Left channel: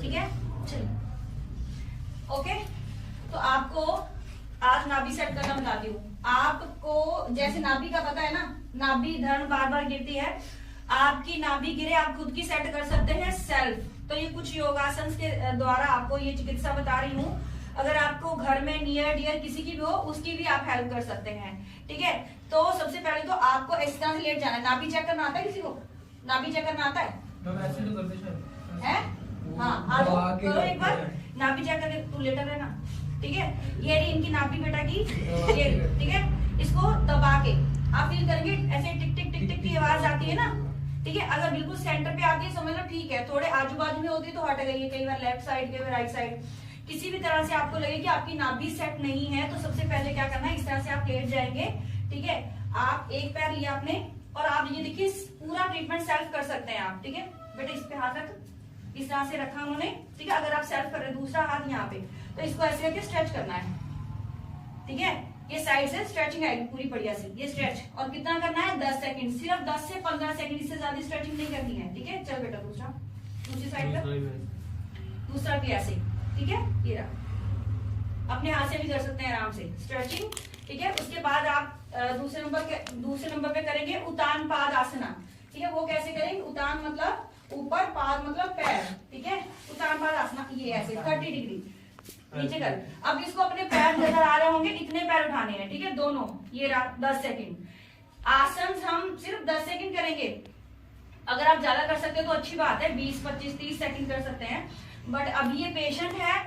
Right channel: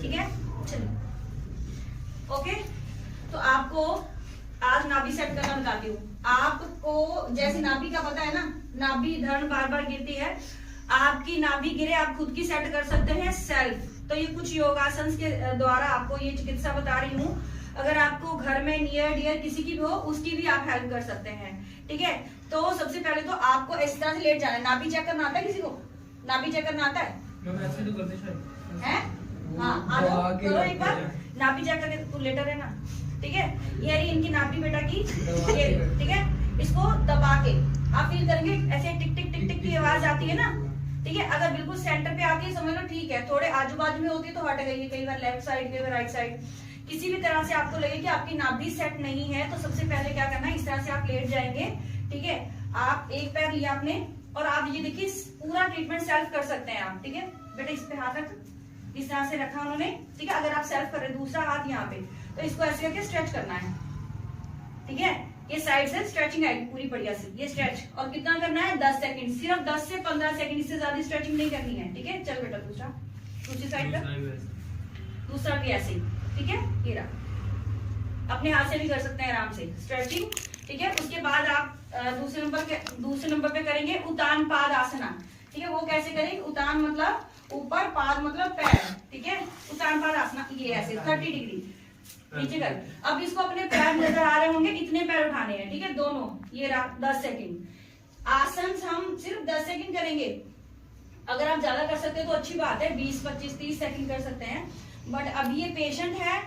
ठीक है, चलिए। ओके, तो आपको आज नाभि सेट करना बताती हूँ। आपको जैसे नाभि का पता है ना, नाभि धड़ बार बार गिरती है, आपकी नाभि गिरे आप खुद की सेट कर सकते हैं सेल्फ। तो ये कुछ योगासन के द्वारा आपको ये चिकित्सा बता रही हूँ। अगर आपको घर में नियर डियर किसी की भी हो, उसकी भी आप हेल्प कर सकते हैं। ठीक है, तो सबसे पहले तो आपको इस तरह से लेट जाना है। नाभि चेक करना आता है किसी को? नाभि चेक करना आता है? हाँ, आ जाओ, करो एक बार नाभि चेक करके। तू लेटर है ना, ठीक है। ये रही इनकी नाभि बेटा की, ये ठीक है। इसको दबा के आप फील करेंगे ऐसे टिक टिक टिक टिक की आवाज आती है ना, ठीक है। अगर बिल्कुल सेंटर पे आती है समझ लो ठीक है, थोड़े आजू बाजू में होती है तो हट गई है, कई बार लेफ्ट साइड, कई बार राइट साइड। किसी भी तरह से आपको लगे कि आपकी नाभि सेट नहीं है तो सबसे पहले क्या करना है, इस तरह से आप लेट जाएंगे। ठीक है, आप एक पैर लिया आपने और आप ये देखिए पूरा ट्रीटमेंट सेल्फ कर सकते हैं आप। ठीक है बेटा, इस पे हाथ रख, इस तरह से रखा उन्होंने। ठीक है, अगर आप सेल्फ कर रहे हैं, दूसरा हाथ यहाँ पे, तो इसको ऐसे करके स्ट्रेच करना है। ठीक है, ये साइड से स्ट्रेचिंग आएगी पूरी बढ़िया से, ये स्ट्रेच। और कितना करना है? 10 सेकंड, सिर्फ 10 से 15 सेकंड, इससे ज्यादा स्ट्रेचिंग नहीं करनी है। ठीक है, चल बेटा दूसरा, दूसरी साइड पे, दूसरा भी ऐसे। ठीक है, ये रहा। अपने हाथ से भी कर सकते हैं आराम से स्ट्रेचिंग। ठीक है, उसके बाद आप दूसरे नंबर पे करेंगे उतान पाद आसना। ठीक है, वो कैसे करेंगे? उतान मतलब ऊपर, पाद मतलब पैर। ठीक है, उतान पाद आसना, ये ऐसे 30 डिग्री नीचे कर। अब इसको अपने पैर नजर आ रहे होंगे, इतने पैर उठाने हैं। ठीक है, दोनों, ये 10 सेकंड। आसन हम सिर्फ 10 सेकंड करेंगे। अगर आप ज्यादा कर सकते हैं तो अच्छी बात है, 20, 25, 30 सेकंड कर सकते हैं। बट अब ये पेशेंट है,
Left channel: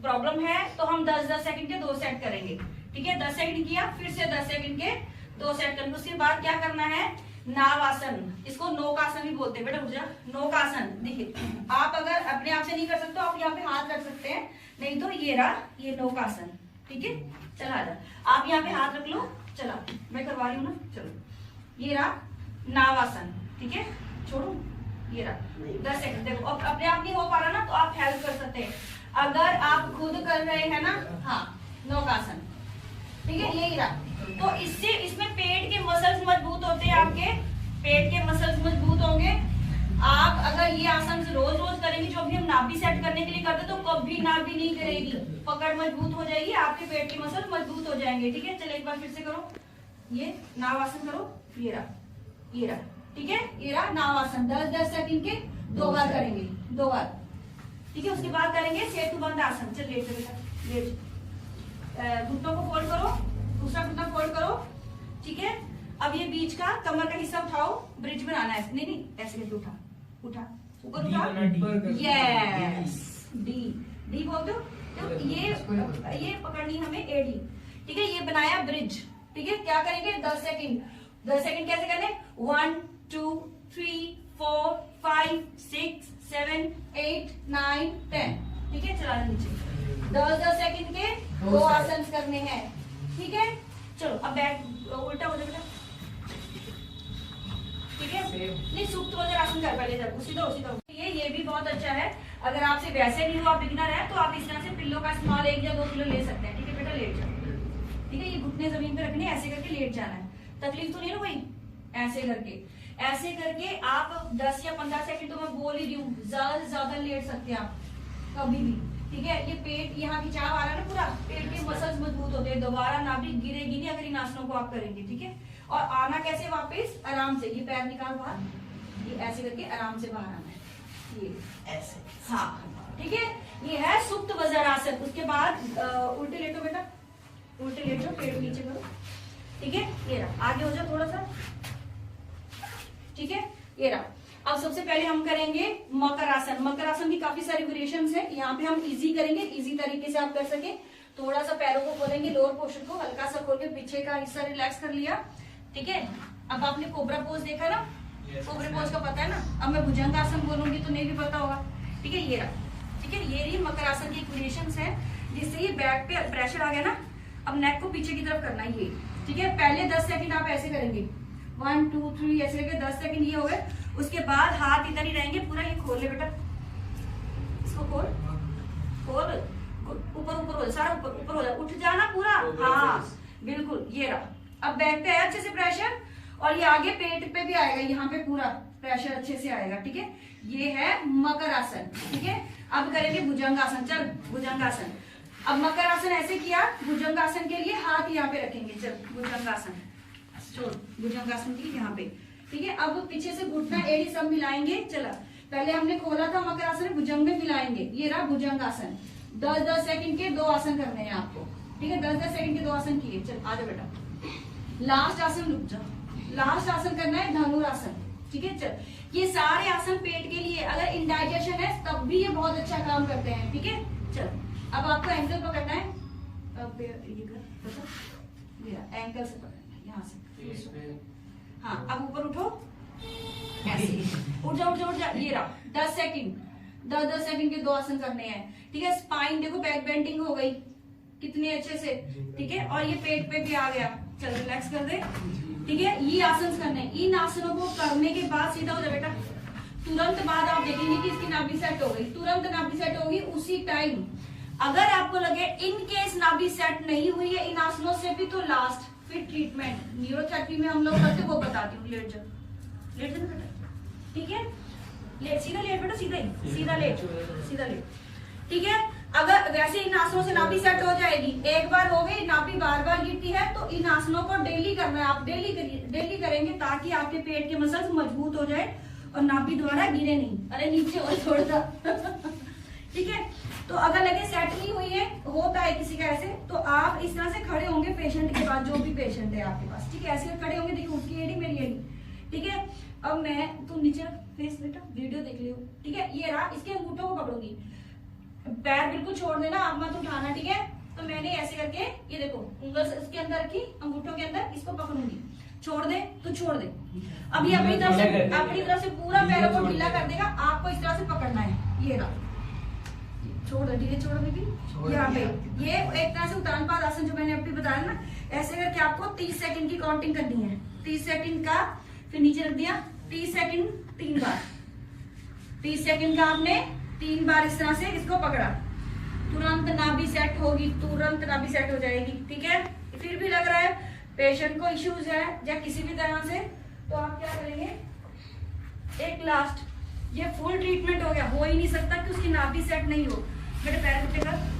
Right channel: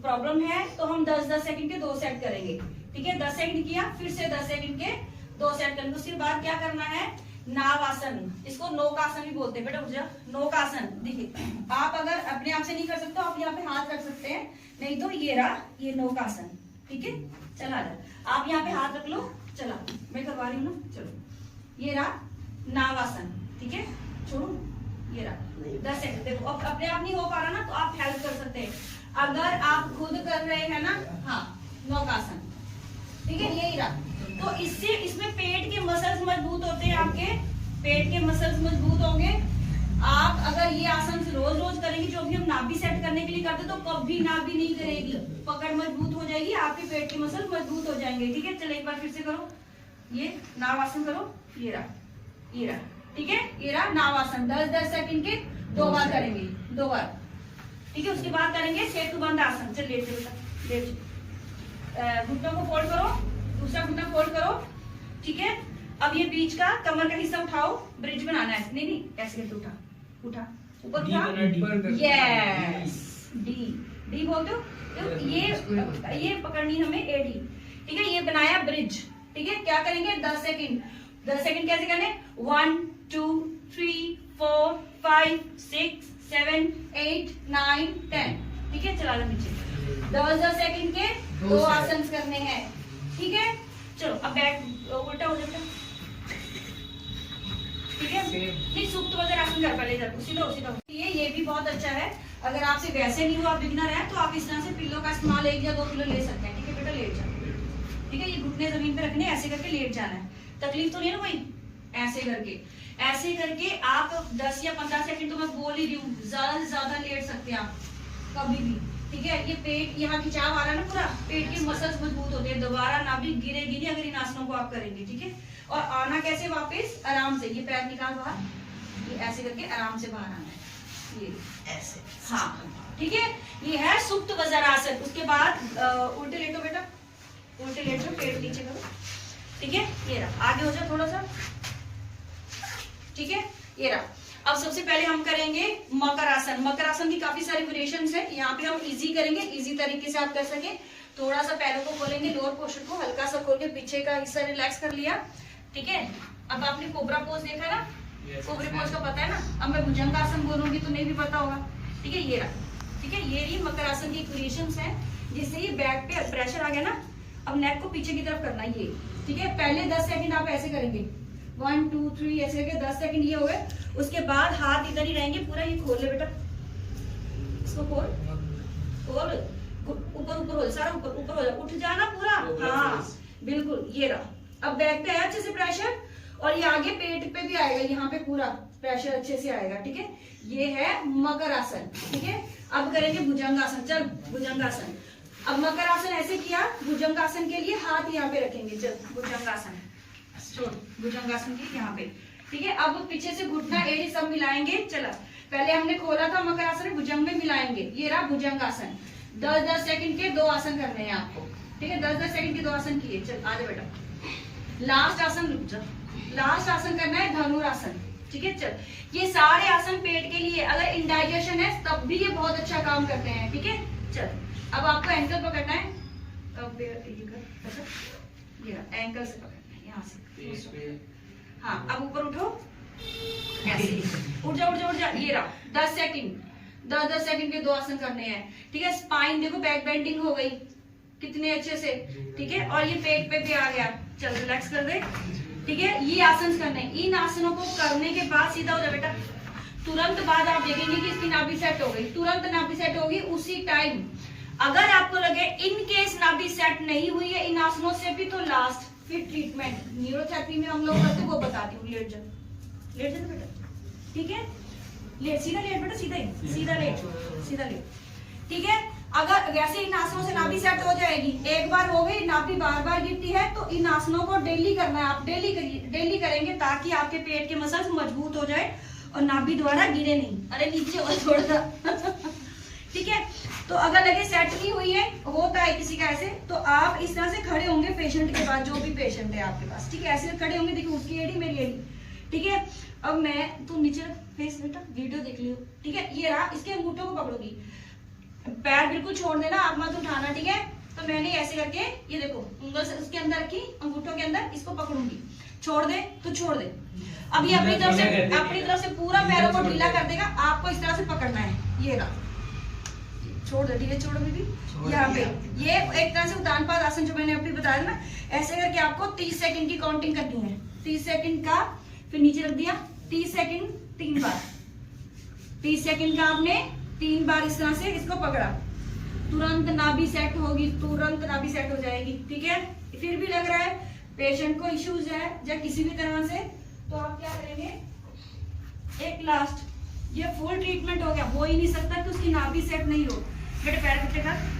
प्रॉब्लम है, तो हम 10-10 सेकंड के 2 सेट करेंगे। ठीक है, 10 सेकंड किया, फिर से 10 सेकंड के 2 सेट करेंगे। उसके बाद क्या करना है? नावासन, इसको नौकासन भी बोलते हैं बेटा, उठ जा। नौकासन, देखिए आप अगर अपने आप से नहीं कर सकते आप यहाँ पे हाथ रख सकते हैं, नहीं तो ये रहा, ये नौकासन। ठीक है, चला जा, आप यहाँ पे हाथ रख लो। चला, मैं करवा रही हूँ ना, चलो। ये रहा नावासन। ठीक है, छोड़ो, ये रहा 10 सेकंड। देखो अब अपने आप नहीं हो पा रहा ना, तो आप हेल्प कर सकते हैं। अगर आप खुद कर रहे हैं ना, हाँ, नौकासन। ठीक है, यही रहा। तो इससे इसमें पेट के मसल्स मजबूत होते हैं, आपके पेट के मसल्स मजबूत होंगे। आप अगर ये आसन रोज रोज करेंगे, जो भी हम नाभि सेट करने के लिए करते, तो कभी नाभि नहीं गिरेगी, पकड़ मजबूत हो जाएगी, आपके पेट के मसल मजबूत हो जाएंगे। ठीक है, चलो एक बार फिर से करो, ये नावासन करो, ये रहा, ये रहा। ठीक है, ये रहा नावासन। 10-10 सेकंड के 2 बार करेंगे, 2 बार। ठीक है, उसके बाद करेंगे सेतुबंध आसन। चलिए लेट, घुटनों को फोल्ड करो, दूसरा घुटना फोल्ड करो। ठीक है, अब ये बीच का कमर का हिस्सा उठाओ, ब्रिज बनाना है। नहीं ऐसे करके उठा, उठा, ऊपर उठा, यस, डी बोलते हो। तो ये पकड़नी हमें एडी। ठीक है, ये बनाया ब्रिज। ठीक है, क्या करेंगे? 10 सेकंड। 10 सेकंड कैसे करें? 1 2 3 4 5 6 7 8 9 10। ठीक है, चलाना नीचे। 10-10 सेकंड के 2 आसन करने हैं। ठीक है, चलो अब बैक उल्टा हो जाता। ठीक है, नहीं सुप्त वज्रासन कर पहले, जब सीधा ये भी बहुत अच्छा है। अगर आपसे वैसे नहीं हो, आप बिगनर है, तो आप इस तरह से पिल्लो का इस्तेमाल 1 या 2 पिल्लो ले सकते हैं। ठीक है बेटा, लेट जाओ। ठीक है, ये घुटने जमीन पे रखने, ऐसे करके लेट जाना है। तकलीफ तो नहीं ना कोई? ऐसे करके आप 10 या 15 सेकंड, तो मैं बोल ही रही हूँ, ज्यादा से ज्यादा लेट सकते हैं आप कभी भी। ठीक है, ये पेट यहाँ खिंचाव आ रहा है ना, पूरा पेट के मसल्स मजबूत होते हैं, दोबारा नाभि गिरेगी नहीं अगर इन आसनों को आप करेंगे। ठीक है, और आना कैसे वापस? आराम से, ये पैर निकाल बाहर, ये ऐसे करके आराम से बाहर आना है, ये ऐसे। हाँ, ठीक है, ये है सुप्त वज्रासन। उसके बाद उल्टे लेटो बेटा, उल्टे लेटो, पेट नीचे करो। ठीक है, ये रहा, आगे हो जाओ थोड़ा सा। ठीक है, ये रहा। अब सबसे पहले हम करेंगे मकर आसन। मकर आसन की काफी सारी वेरिएशंस है, यहाँ पे हम इजी करेंगे, इजी तरीके से आप कर सके। थोड़ा सा पैरों को खोलेंगे, लोअर पोर्शन को हल्का सा खोल के पीछे का हिस्सा रिलैक्स कर लिया। ठीक है, अब आपने कोबरा पोज देखा ना, कोबरा पोज का पता है ना। अब मैं भुजंग आसन बोलूंगी तो नहीं भी पता होगा। ठीक है, ये रहा। ठीक है, ये रही मकर आसन की वेरिएशंस है, जिससे ये बैक पे प्रेशर आ गया ना, अब नेक को पीछे की तरफ करना है ये। ठीक है, पहले 10 सेकंड आप ऐसे करेंगे, 1 2 3 ऐसे करके 10 सेकंड ये हो गए। उसके बाद हाथ इधर ही रहेंगे, पूरा ये खोल ले बेटा, इसको खोल, ऊपर हो, सारा ऊपर हो जाए, उठ जाना पूरा। हाँ बिल्कुल, ये रहा। अब बैक पे आया अच्छे से प्रेशर, और ये आगे पेट पे भी आएगा, यहाँ पे पूरा प्रेशर अच्छे से आएगा। ठीक है, ये है मकर आसन। ठीक है, अब करेंगे भुजंगासन। चल भुजंगासन। अब मकर आसन ऐसे किया, भुजंगासन के लिए हाथ यहाँ पे रखेंगे। चल भुजंगासन, छोड़ भुजंगासन के यहाँ पे। ठीक है, अब पीछे से घुटना एड़ी सब मिलाएंगे। चला, पहले हमने खोला था मकर आसन, भुजंग में मिलाएंगे। ये रहा भुजंगासन। 10-10 सेकंड के 2 आसन करने हैं आपको। ठीक है, 10-10 सेकंड के 2 आसन किए। चल आजा बेटा, लास्ट आसन, रुक जा, लास्ट आसन करना है धनुरासन। ठीक है, चल ये सारे आसन पेट के लिए, अगर इंडाइजेशन है तब भी ये बहुत अच्छा काम करते हैं। ठीक है, चल अब आपको एंकल पकड़ना है। अब ये कर, ये एंकल से पकड़ना है, यहाँ से। हाँ, अब ऊपर उठो, ऐसे उठ जा उठ जा उठ जा। ये रहा 10 सेकंड, 10-10 सेकंड के 2 आसन करने हैं। ठीक है, स्पाइन देखो बैक बेंडिंग हो गई कितने अच्छे से। ठीक है, और ये पेट पे भी आ गया। चल रिलैक्स कर दे। ठीक है, ये आसन करने हैं। इन आसनों को करने के बाद सीधा हो जा बेटा। तुरंत बाद आप देखेंगे कि इसकी नाभि सेट हो गई। तुरंत नाभि सेट होगी उसी टाइम। अगर आपको लगे इन केस नाभि सेट नहीं हुई है इन आसनों से भी, तो लास्ट फिर ट्रीटमेंट न्यूरोथेरेपी में हम लोग करते वो बताती हूँ। लेट जा, लेट जा बेटा। ठीक है, लेट, सीधा लेट बेटा, सीधा ही, सीधा लेट, सीधा लेट। ठीक है, अगर वैसे इन आसनों से नाभि सेट हो जाएगी। एक बार हो गई, नाभि बार बार गिरती है, तो इन आसनों को डेली करना है। आप डेली करिए, डेली करेंगे ताकि आपके पेट के मसल्स मजबूत हो जाए और नाभि द्वारा गिरे नहीं। अरे नीचे हो थोड़ा सा। ठीक है, तो अगर लगे सेट नहीं हुई है, होता है किसी का ऐसे, तो आप इस तरह से खड़े होंगे पेशेंट के पास, जो भी पेशेंट है आपके पास। ठीक है, ऐसे खड़े होंगे, देखिए उसकी एड़ी मेरी एड़ी। ठीक है, अब मैं, तू नीचे फेस बेटा, वीडियो देख लियो। ठीक है, ये रहा, इसके अंगूठों को पकड़ूंगी, पैर बिल्कुल छोड़ देना, आप मत उठाना। ठीक है, तो मैंने ऐसे करके, ये देखो उंगल से उसके अंदर रखी, अंगूठों के अंदर, इसको पकड़ूंगी। छोड़ दे तो छोड़ दे। अब ये अपनी तरफ से पूरा पैरों को ढीला कर देगा। आपको इस तरह से पकड़ना है। ये रहा, छोड़ दे, धीरे छोड़ो बेबी। यहाँ पे ये एक तरह से उतान पाद आसन जो मैंने अभी बताया ना, ऐसे करके आपको 30 सेकंड की काउंटिंग करनी है। 30 सेकंड का, फिर नीचे रख दिया, 30 सेकंड 3 बार, 30 सेकंड का आपने 3 बार इस तरह से इसको पकड़ा। तुरंत नाभि सेट होगी, तुरंत नाभि सेट हो जाएगी। ठीक है, फिर भी लग रहा है पेशेंट को इश्यूज है या किसी भी तरह से, तो आप क्या करेंगे, एक लास्ट, ये फुल ट्रीटमेंट हो गया। हो ही नहीं सकता कि उसकी नाभि सेट नहीं हो। बेटे पैर पीछे कर,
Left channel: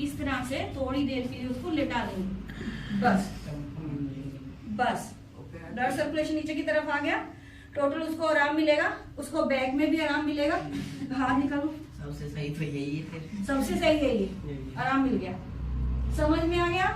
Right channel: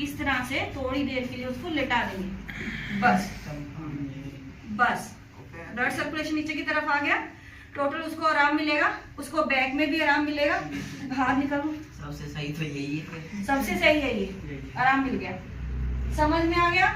इस तरह से थोड़ी देर के लिए उसको लेटा देंगे। बस बस, ब्लड सर्कुलेशन नीचे की तरफ आ गया, टोटल उसको आराम मिलेगा, उसको बैक में भी आराम मिलेगा। बाहर निकालो, सबसे सही तो यही है। सबसे सही है ये, आराम मिल गया। समझ में आ गया?